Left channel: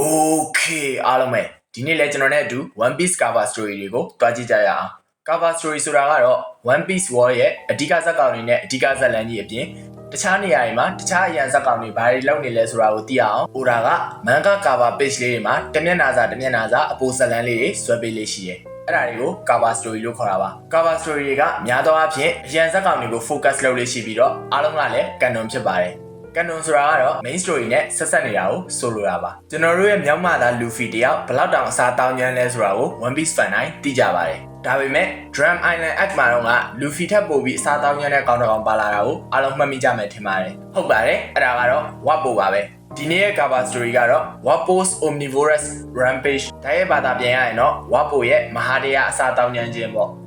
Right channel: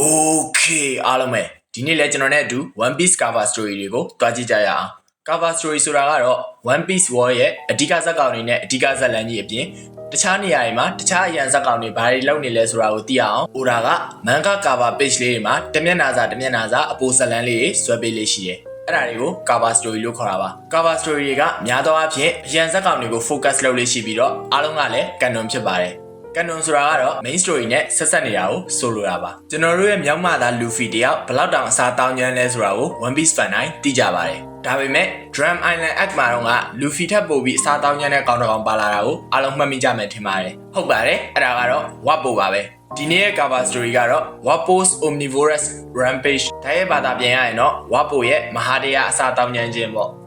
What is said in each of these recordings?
Okay အားလုံးပဲဒီနေ့လဲကျွန်တော်နဲ့အတူ One Piece cover story တွေကိုတွားကြည့်ကြရအောင် cover story ဆိုတာကတော့ One Piece War ရဲ့အဓိကဇာတ်ကောင်တွေနဲ့အဓိကဇာတ်လမ်းကြီးအပြင်တခြားနေရာတွေမှာတခြားအရန်ဇာတ်ကောင်တွေဘာတွေလုပ်နေလဲဆိုတာကိုသိရအောင် Oda က manga cover page လေးတွေမှာတစ်မျက်နှာစာတစ်မျက်နှာစာအပိုဇာတ်လမ်းလေးတွေဆွဲပေးလေးရှိတယ်အဲ့ဒါတွေကို cover story လို့ခေါ်တာပါ cover story တွေကများသောအားဖြင့်အရန်ဇာတ်ကောင်တွေကို focus လုပ်လေးရှိပြီးတော့အားလုံးကလည်း canon ဖြစ်ပါတယ် ကန်နွန်ဆိုတာကတော့ main story နဲ့ဆက်ဆက်နေတာကိုဆိုလိုတာပါကျွန်တော်တို့ရဲ့မြောက်မသားလူဖီတယောက်ဘယ်လောက်တောင်အစားတောင်းကျမ်းလဲဆိုတာကို One Piece fan တိုင်းသိကြပါတယ်ဒါပေမဲ့ Drum Island Act မှာတော့ကလူဖီထပ်ပို့ပြီးအစားတောင်းကျမ်းတဲ့ကောင်းတစ်ကောင်ပါလာတာကိုအားလုံးမှတ်မိကြမယ်ထင်ပါတယ်ဟုတ်ပါတယ်အဲ့ဒါကတော့ Wapo ပါပဲဒီနေ့ရဲ့ cover story ကတော့ Wapo's Omnivorous Rampage ဒါရဲ့ဘာသာပြန်ရရင်တော့ Wapo ရဲ့မဟာတရားအစားတောင်းကျမ်းခြင်းပေါ့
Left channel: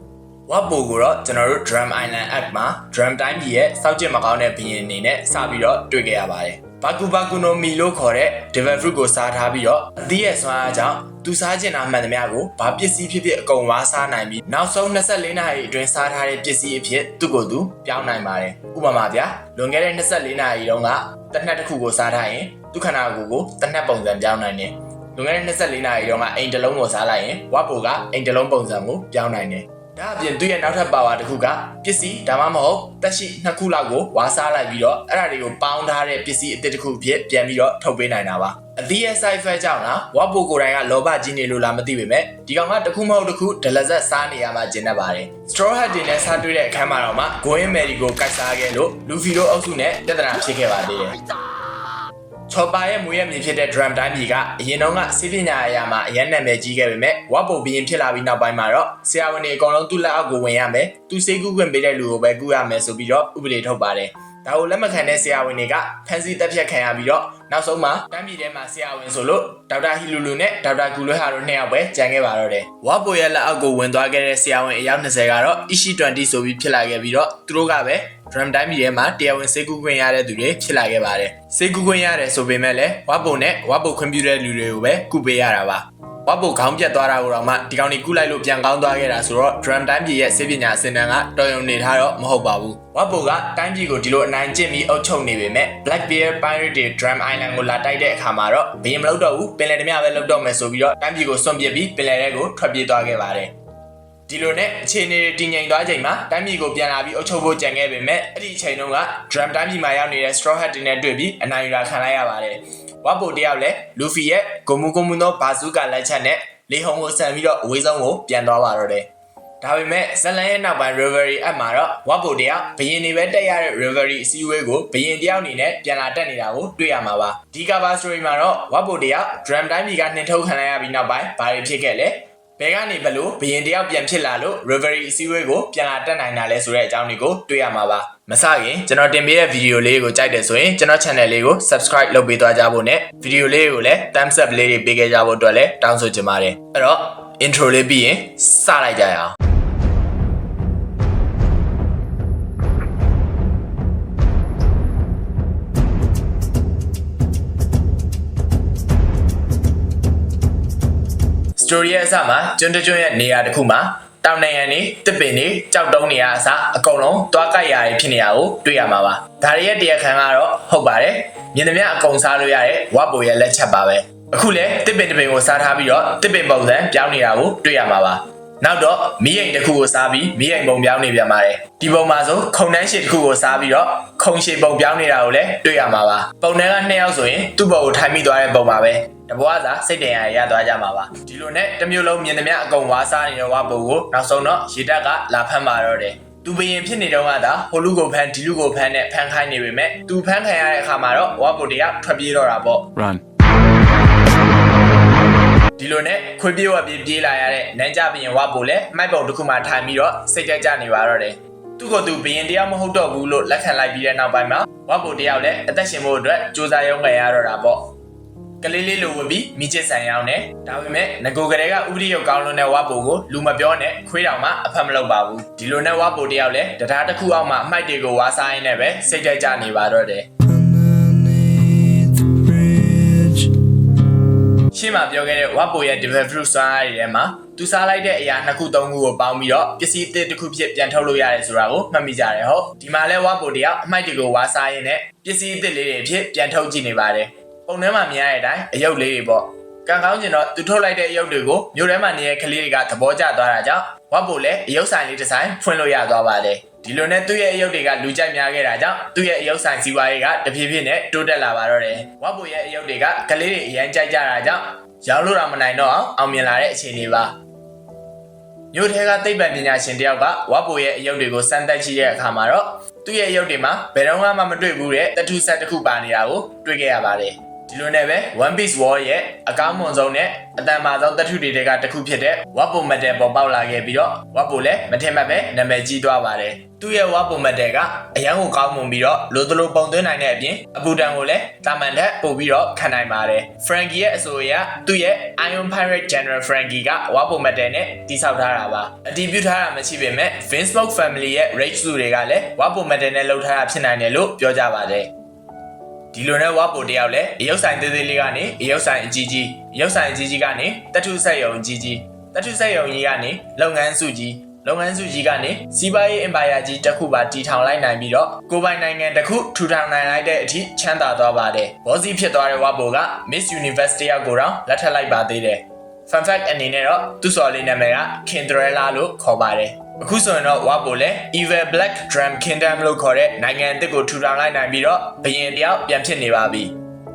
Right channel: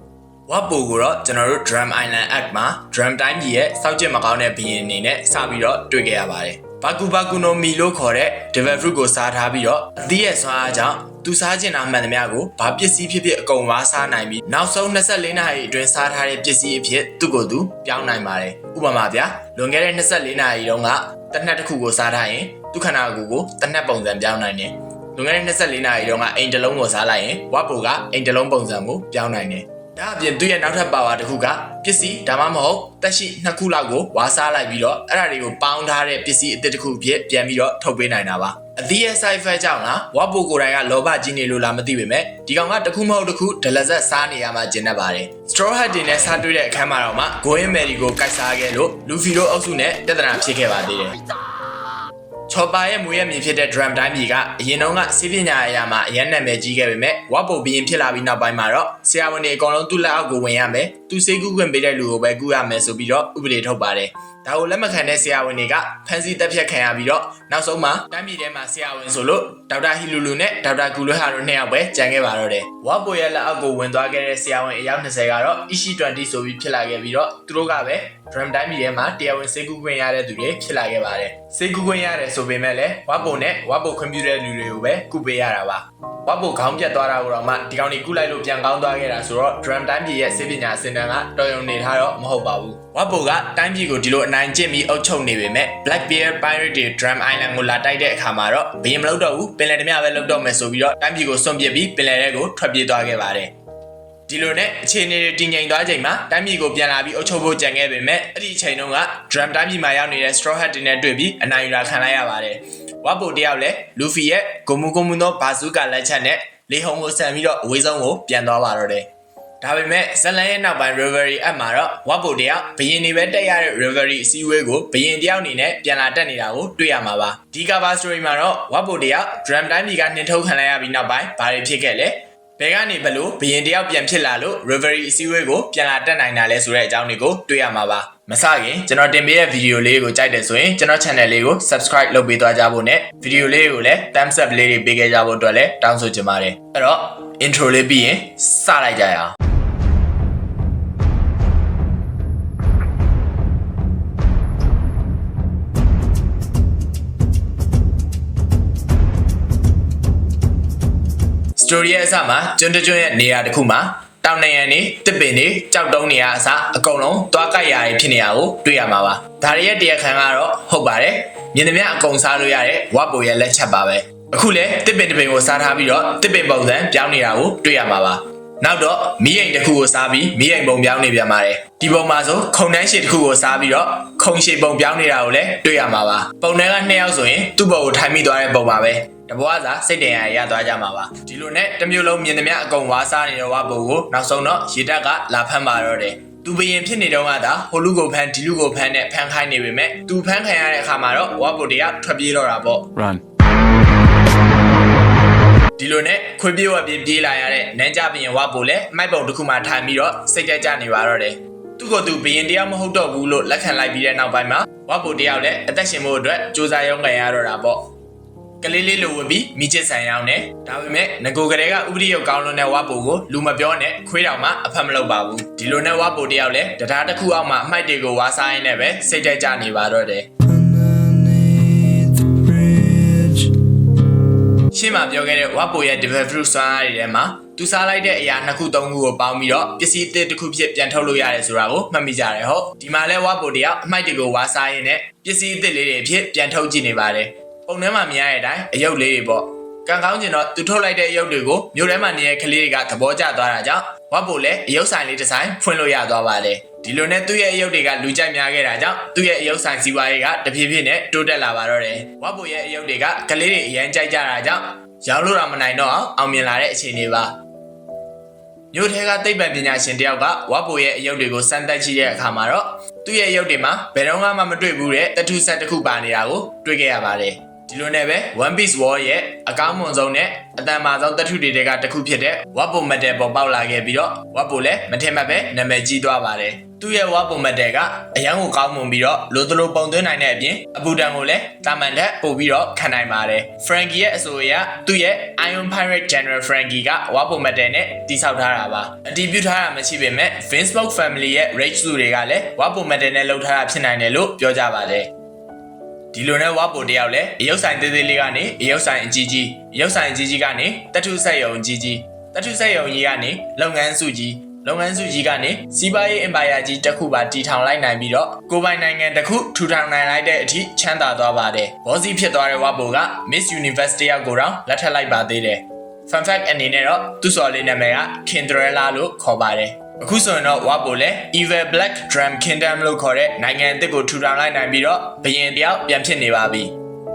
ဝပ်ပိုကိုတော့ကျွန်တော်တို့ Drum Island Act မှာ Drum တိုင်းပြည်ရဲ့စောက်ကျစ်မကောင်းတဲ့ဘီရင်အနေနဲ့စပြီးတော့တွေ့ခဲ့ရပါတယ်။ဘာကူဘာကူနိုမီလို့ခေါ်တဲ့ Devil Fruit ကိုစားထားပြီးတော့အသီးရဲ့ဆွမ်းအားကြောင့်သူစားကျင်တာမှန်သမျှကိုဘာပစ္စည်းဖြစ်ဖြစ်အကုန်ဝါစားနိုင်ပြီးနောက်ဆုံး24နာရီအတွင်းစားထားတဲ့ပစ္စည်းအဖြစ်သူ့ကိုယ်သူပြောင်းနိုင်ပါတယ်။ဥပမာဗျာလွန်ခဲ့တဲ့24နာရီတုန်းကတစ်နက်တစ်ခုကိုစားထားရင်သူခန္ဓာကိုယ်ကိုတစ်နက်ပုံစံပြောင်းနိုင်တယ်။လွန်ခဲ့တဲ့24နာရီတုန်းကအိမ်တစ်လုံးကိုစားလိုက်ရင်ဝပ်ပိုကအိမ်တစ်လုံးပုံစံကိုပြောင်းနိုင်တယ်။ ဒါအပြင်သူ့ရဲ့နောက်ထပ်ပါဝါတစ်ခုကပစ္စည်းဒါမှမဟုတ်တက်ရှိနှစ်ခုလောက်ကိုဝါစားလိုက်ပြီးတော့အဲ့ဒါတွေကိုပေါင်းထားတဲ့ပစ္စည်းအသစ်တစ်ခုဖြစ်ပြန်ပြီးတော့ထုတ်ပေးနိုင်တာပါအသီးရဲ့ side effect ကြောင့်လားဝါပိုကိုယ်တိုင်ကလောဘကြီးနေလို့လားမသိပေမဲ့ဒီကောင်ကတစ်ခုမဟုတ်တစ်ခုဒလဇက်စားနေရမှကျင်တတ်ပါတယ် straw hat တွေနဲ့စားတွေ့တဲ့အခန်းမှာတော့မှ going merry ကိုကိုက်စားခဲ့လို့လူဖီတို့အုပ်စုနဲ့ပြဿနာဖြစ်ခဲ့ပါသေးတယ် ချော်ပါရဲ့မွေးရမြေဖြစ်တဲ့ drum တိုင်းပြည်ကအရင်တုန်းကစီးပညာအရာမှာအရင်နာမည်ကြီးခဲ့ပေမဲ့ဝါပိုဘီရင်ဖြစ်လာပြီးနောက်ပိုင်းမှာတော့ဆရာဝန်တွေအကုန်လုံးသူ့လက်အောက်ကိုဝင်ရမယ် သူစေးကူးခွင့်ပေးတဲ့လူကိုပဲကူရမယ်ဆိုပြီးတော့ဥပဒေထုတ်ပါတယ်ဒါကိုလက်မခံတဲ့ဆရာဝန်တွေကဖန်စီတက်ဖြတ်ခံရပြီးတော့နောက်ဆုံးမှာတမ်းပြည်ထဲမှာဆရာဝန်ဆိုလို့ဒေါက်တာဟီလူလူနဲ့ဒေါက်တာဂူလွဲဟာတို့နှစ်ယောက်ပဲကြံခဲ့ပါတော့တယ်ဝါပိုရဲ့လက်အောက်ကိုဝင်သွားခဲ့တဲ့ဆရာဝန်အယောက်20ကတော့ Ishi 20 ဆိုပြီးဖြစ်လာခဲ့ပြီးတော့သူတို့ကပဲ drum time ကြီးထဲမှာတရားဝင်စေကူးခွင့်ရတဲ့သူတွေဖြစ်လာခဲ့ပါတယ်စေကူးခွင့်ရတယ်ဆိုပေမဲ့လည်းဝါပိုနဲ့ဝါပိုခွင့်ပြုတဲ့လူတွေကိုပဲကုပေးရတာပါ ဝါပိုခေါင်းပြတ်သွားတာကိုတော့မှဒီကောင်တွေကုလိုက်လို့ပြန်ကောင်းသွားခဲ့တာဆိုတော့ drum time ကြီးရဲ့စေပညာအစင်တန်းကတော်ရုံနေထားတော့မဟုတ်ပါဘူးဝါပိုကတိုင်းပြည်ကိုဒီလိုအနိုင်ကျင့်ပြီးအုပ်ချုပ်နေပေမဲ့ Black Bear Pirate တွေ drum island ကိုလာတိုက်တဲ့အခါမှာတော့ဘရင်မလုပ်တော့ဘူးပင်လယ်ဓမြပဲလုပ်တော့မယ်ဆိုပြီးတော့တိုင်းပြည်ကိုစွန့်ပစ်ပြီးပင်လယ်ထဲကိုထွက်ပြေးသွားခဲ့ပါတယ် ဒီလိုနဲ့အခြေအနေတွေတည်ငြိမ်သွားချိန်မှာတမ်းပြည်ကိုပြန်လာပြီးအုပ်ချုပ်ဖို့ကြံခဲ့ပေမဲ့အဲ့ဒီအချိန်တုန်းက drum တမ်းပြည်မှာရောက်နေတဲ့ straw hat တွေနဲ့တွေ့ပြီးအနိုင်ယူတာခံလိုက်ရပါတယ်။ဝပ်ပိုတယောက်လည်းလူဖီရဲ့ဂိုမူဂိုမူသောဘာဇူကာလက်ချက်နဲ့လေဟုံကိုဆန်ပြီးတော့အဝေးဆုံးကိုပြန်သွားပါတော့တယ်။ဒါပေမဲ့ဇလန်ရဲ့နောက်ပိုင်း Reverie app မှာတော့ဝပ်ပိုတယောက်ဘရင်တွေပဲတက်ရတဲ့ Reverie အစည်းအဝေးကိုဘရင်တယောက်အနေနဲ့ပြန်လာတက်နေတာကိုတွေ့ရမှာပါ။ဒီ cover story မှာတော့ဝပ်ပိုတယောက် drum တိုင်းပြည်ကနှင်ထုတ်ခံလိုက်ရပြီးနောက်ပိုင်းဘာတွေဖြစ်ခဲ့လဲ။ ဘယ်ကနေဘလို့ဘရင်တယောက်ပြန်ဖြစ်လာလို့ Reverie အစည်းအဝေးကိုပြန်လာတက်နိုင်တာလဲဆိုတဲ့အကြောင်းတွေကိုတွေ့ရမှာပါမစခင်ကျွန်တော်တင်ပေးတဲ့ဗီဒီယိုလေးကိုကြိုက်တယ်ဆိုရင်ကျွန်တော် channel လေးကို subscribe လုပ်ပေးသွားကြဖို့နဲ့ဗီဒီယိုလေးကိုလည်း thumbs up လေးတွေပေးခဲ့ကြဖို့အတွက်လည်းတောင်းဆိုချင်ပါတယ်အဲ့တော့ intro လေးပြီးရင်စလိုက်ကြရအောင် story ရဲ့အစမှာကျွန်းတကျွန်းရဲ့နေရာတစ်ခုမှာတောင်နေရန်နေတစ်ပင်နေကြောက်တုံးနေရအစအကုန်လုံးတွားကြိုက်ရာတွေဖြစ်နေရကိုတွေ့ရမှာပါဒါရီရဲ့တရားခံကတော့ဟုတ်ပါတယ်မြင်သမျှအကုန်စားလို့ရတဲ့ဝပ်ပိုရဲ့လက်ချက်ပါပဲအခုလဲတစ်ပင်တစ်ပင်ကိုစားထားပြီးတော့တစ်ပင်ပုံစံပြောင်းနေတာကိုတွေ့ရမှာပါ နောက်တော့မီးရိမ်တစ်ခုကိုစားပြီးမီးရိမ်ပုံပြောင်းနေပြန်ပါတယ်ဒီပုံမှာဆိုခုံတန်းရှည်တစ်ခုကိုစားပြီးတော့ခုံရှည်ပုံပြောင်းနေတာကိုလည်းတွေ့ရမှာပါပုံတန်းကနှစ်ယောက်ဆိုရင်သူ့ပုံကိုထိုင်မိသွားတဲ့ပုံပါပဲတဘွားသာစိတ်တန်ရရသွားကြမှာပါဒီလိုနဲ့တစ်မျိုးလုံးမြင်သမျှအကုန်ဝါစားနေတဲ့ဝါပုံကိုနောက်ဆုံးတော့ရေတက်ကလာဖမ်းပါတော့တယ်သူဘရင်ဖြစ်နေတော့ကသာဟိုလူကိုဖမ်းဒီလူကိုဖမ်းနဲ့ဖမ်းခိုင်းနေပေမဲ့သူဖမ်းခံရတဲ့အခါမှာတော့ဝါပုံတွေကထွက်ပြေးတော့တာပေါ့ Run. ဒီလိုနဲ့ခွေပြေးဝပြေးပြေးလာရတဲ့နန်းကြဘရင်ဝါပိုလည်းမိုက်ပုံတစ်ခုမှထိုင်ပြီးတော့စိတ်ကြကြနေပါတော့တယ်သူ့ကိုယ်သူဘရင်တရားမဟုတ်တော့ဘူးလို့လက်ခံလိုက်ပြီးတဲ့နောက်ပိုင်းမှာဝါပိုတယောက်လည်းအသက်ရှင်ဖို့အတွက်စူးစမ်းရုံးကန်ရတော့တာပေါ့ကလေးလေးလိုဝင်ပြီးမိချစ်ဆန်ရောင်းနေဒါပေမဲ့ငကိုကလေးကဥပဒေရုပ်ကောင်းလွန်းတဲ့ဝါပိုကိုလူမပြောနဲ့ခွေးတောင်မှအဖက်မလုပ်ပါဘူးဒီလိုနဲ့ဝါပိုတယောက်လည်းတရားတစ်ခုအောက်မှာအမိုက်တွေကိုဝါစားရင်းနဲ့ပဲစိတ်ကြကြနေပါတော့တယ် ရှင်းမှာပြောခဲ့တဲ့ဝပ်ပိုရဲ့ develop fruit စွမ်းအားတွေထဲမှာသူစားလိုက်တဲ့အရာနှစ်ခုသုံးခုကိုပေါင်းပြီးတော့ပစ္စည်းအသစ်တစ်ခုဖြစ်ပြန်ထုတ်လို့ရတယ်ဆိုတာကိုမှတ်မိကြတယ်ဟုတ်ဒီမှာလဲဝပ်ပိုတယောက်အမိုက်တွေကိုဝါစားရင်းနဲ့ပစ္စည်းအသစ်လေးတွေဖြစ်ပြန်ထုတ်ကြည့်နေပါတယ်ပုံထဲမှာမြင်ရတဲ့အတိုင်းအယုတ်လေးတွေပေါ့ ကံကောင်းကျင်တော့သူထုတ်လိုက်တဲ့အရုပ်တွေကိုမြို့ထဲမှာနေတဲ့ကလေးတွေကသဘောကျသွားတာကြောင့်ဝတ်ပိုလည်းအရုပ်ဆိုင်လေးတစ်ဆိုင်ဖွင့်လို့ရသွားပါတယ်ဒီလိုနဲ့သူ့ရဲ့အရုပ်တွေကလူကြိုက်များခဲ့တာကြောင့်သူ့ရဲ့အရုပ်ဆိုင်စီးပွားရေးကတဖြည်းဖြည်းနဲ့တိုးတက်လာပါတော့တယ်ဝတ်ပိုရဲ့အရုပ်တွေကကလေးတွေအရန်ကြိုက်ကြတာကြောင့်ရောင်းလို့တော့မနိုင်တော့အောင်အောင်မြင်လာတဲ့အခြေအနေပါမြို့ထဲကသိပ္ပံပညာရှင်တယောက်ကဝတ်ပိုရဲ့အရုပ်တွေကိုစမ်းသပ်ကြည့်တဲ့အခါမှာတော့သူ့ရဲ့အရုပ်တွေမှာဘယ်တော့မှမတွေ့ဘူးတဲ့တထူဆက်တစ်ခုပါနေတာကိုတွေ့ခဲ့ရပါတယ် ဒီလိုနဲ့ပဲ One Piece War ရဲ့အကောင်းမွန်ဆုံးနဲ့အတန်မာဆုံးတထုတွေကတစ်ခုဖြစ်တဲ့ Wappo Metal ပေါ်ပေါက်လာခဲ့ပြီးတော့ Wappo လည်းမထင်မှတ်ပဲနာမည်ကြီးသွားပါတယ်သူ့ရဲ့ Wappo Metal ကအရန်ကိုကောင်းမွန်ပြီးတော့လိုသလိုပုံသွင်းနိုင်တဲ့အပြင်အပူတန်ကိုလည်းတာမန်တက်ပို့ပြီးတော့ခံနိုင်ပါတယ် Frankie ရဲ့အဆိုအရသူ့ရဲ့ Iron Pirate General Frankie က Wappo Metal နဲ့တိစောက်ထားတာပါအတည်ပြုထားတာမရှိပေမဲ့ Vince Smoke Family ရဲ့ Rage စုတွေကလည်း Wappo Metal နဲ့လုပ်ထားတာဖြစ်နိုင်တယ်လို့ပြောကြပါတယ် ဒီလိုနဲ့ဝါပိုတယောက်လည်းအယုတ်ဆိုင်သေးသေးလေးကနေအယုတ်ဆိုင်အကြီးကြီးအယုတ်ဆိုင်အကြီးကြီးကနေတထုဆက်ယုံကြီးကြီးတထုဆက်ယုံကြီးကနေလုပ်ငန်းစုကြီးလုပ်ငန်းစုကြီးကနေစီးပွားရေးအင်ပါယာကြီးတစ်ခုပါတီထောင်လိုက်နိုင်ပြီးတော့ကိုယ်ပိုင်နိုင်ငံတစ်ခုထူထောင်နိုင်လိုက်တဲ့အထိချမ်းသာသွားပါတယ်ဘောစီဖြစ်သွားတဲ့ဝါပိုက Miss Universe တယောက်ကိုတော့လက်ထပ်လိုက်ပါသေးတယ် fun fact အနေနဲ့တော့သူ့စော်လေးနာမည်က Kindrella လို့ခေါ်ပါတယ် အခုဆိုရင်တော့ဝါပိုလဲ Evil Black Drum Kingdom လို့ခေါ်တဲ့နိုင်ငံအသစ်ကိုထူထောင်လိုက်နိုင်ပြီးတော့ဘယင်တယောက်ပြန်ဖြစ်နေပါပြီ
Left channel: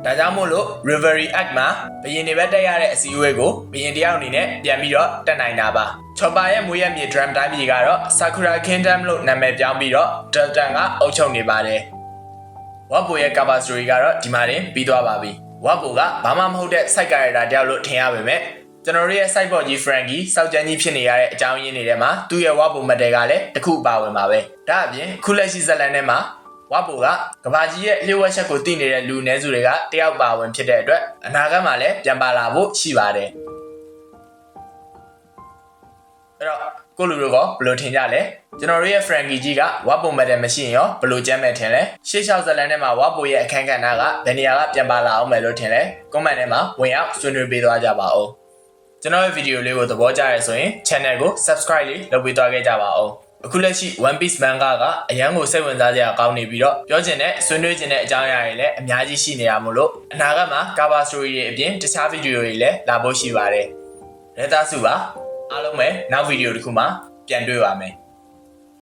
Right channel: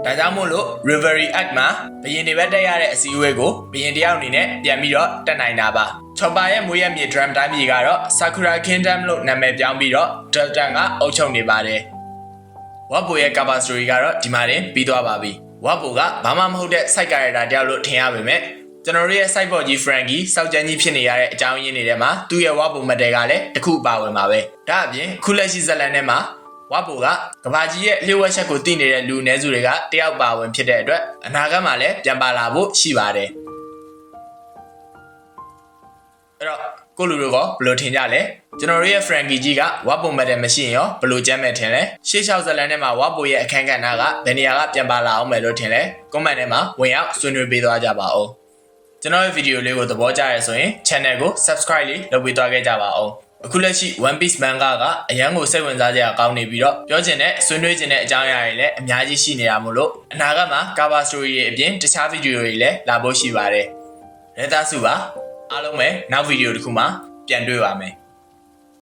ဒါကြောင့်မို့လို့ Reverie Act မှာဘယင်တွေပဲတက်ရတဲ့အစည်းအဝေးကိုဘယင်တယောက်အနေနဲ့ပြန်ပြီးတော့တက်နိုင်တာပါချော်ပါရဲ့မွေးရမြေ drum တိုင်းပြည်ကတော့ Sakura Kingdom လို့နာမည်ပြောင်းပြီးတော့ Delta ကအုပ်ချုပ်နေပါတယ်ဝါပိုရဲ့ cover story ကတော့ဒီမှာတင်ပြီးသွားပါပြီဝါပိုကဘာမှမဟုတ်တဲ့ side character တယောက်လို့ထင်ရပေမဲ့ ကျွန်တော်တို့ရဲ့ site board ကြီး Frankie စောက်ကြမ်းကြီးဖြစ်နေရတဲ့အကြောင်းရင်းတွေထဲမှာသူ့ရဲ့ဝါပိုမတဲကလည်းတစ်ခုပါဝင်ပါပဲဒါအပြင်ခုလက်ရှိဇက်လန်ထဲမှာဝါပိုကကဘာကြီးရဲ့လျှို့ဝှက်ချက်ကိုသိနေတဲ့လူနည်းစုတွေကတယောက်ပါဝင်ဖြစ်တဲ့အတွက်အနာဂတ်မှာလည်းပြန်ပါလာဖို့ရှိပါတယ်အဲ့တော့ကိုလူတို့ကဘယ်လိုထင်ကြလဲကျွန်တော်တို့ရဲ့ Frankie ကြီးကဝါပိုမက်တယ်မရှိရင်ရောဘယ်လိုကြမ်းမဲ့ထင်လဲရှေ့လျှောက်ဇက်လန်ထဲမှာဝါပိုရဲ့အခန်းကဏ္ဍကဘယ်နေရာကပြန်ပါလာအောင်မယ်လို့ထင်လဲ comment ထဲမှာဝင်ရောက်ဆွေးနွေးပေးသွားကြပါဦး ကျွန်တော်ရဲ့ဗီဒီယိုလေးကိုသဘောကျရဲဆိုရင် channel ကို subscribe လေးလုပ်ပေးသွားခဲ့ကြပါဦးအခုလက်ရှိ One Piece manga ကအရန်ကိုစိတ်ဝင်စားစရာကောင်းနေပြီးတော့ပြောချင်တဲ့ဆွေးနွေးချင်တဲ့အကြောင်းအရာတွေလည်းအများကြီးရှိနေတာမို့လို့အနာဂတ်မှာ cover story တွေအပြင်တခြားဗီဒီယိုတွေလည်းလာဖို့ရှိပါတယ်။ရဲသားစုပါအားလုံးပဲနောက်ဗီဒီယိုတစ်ခုမှာပြန်တွေ့ပါမယ်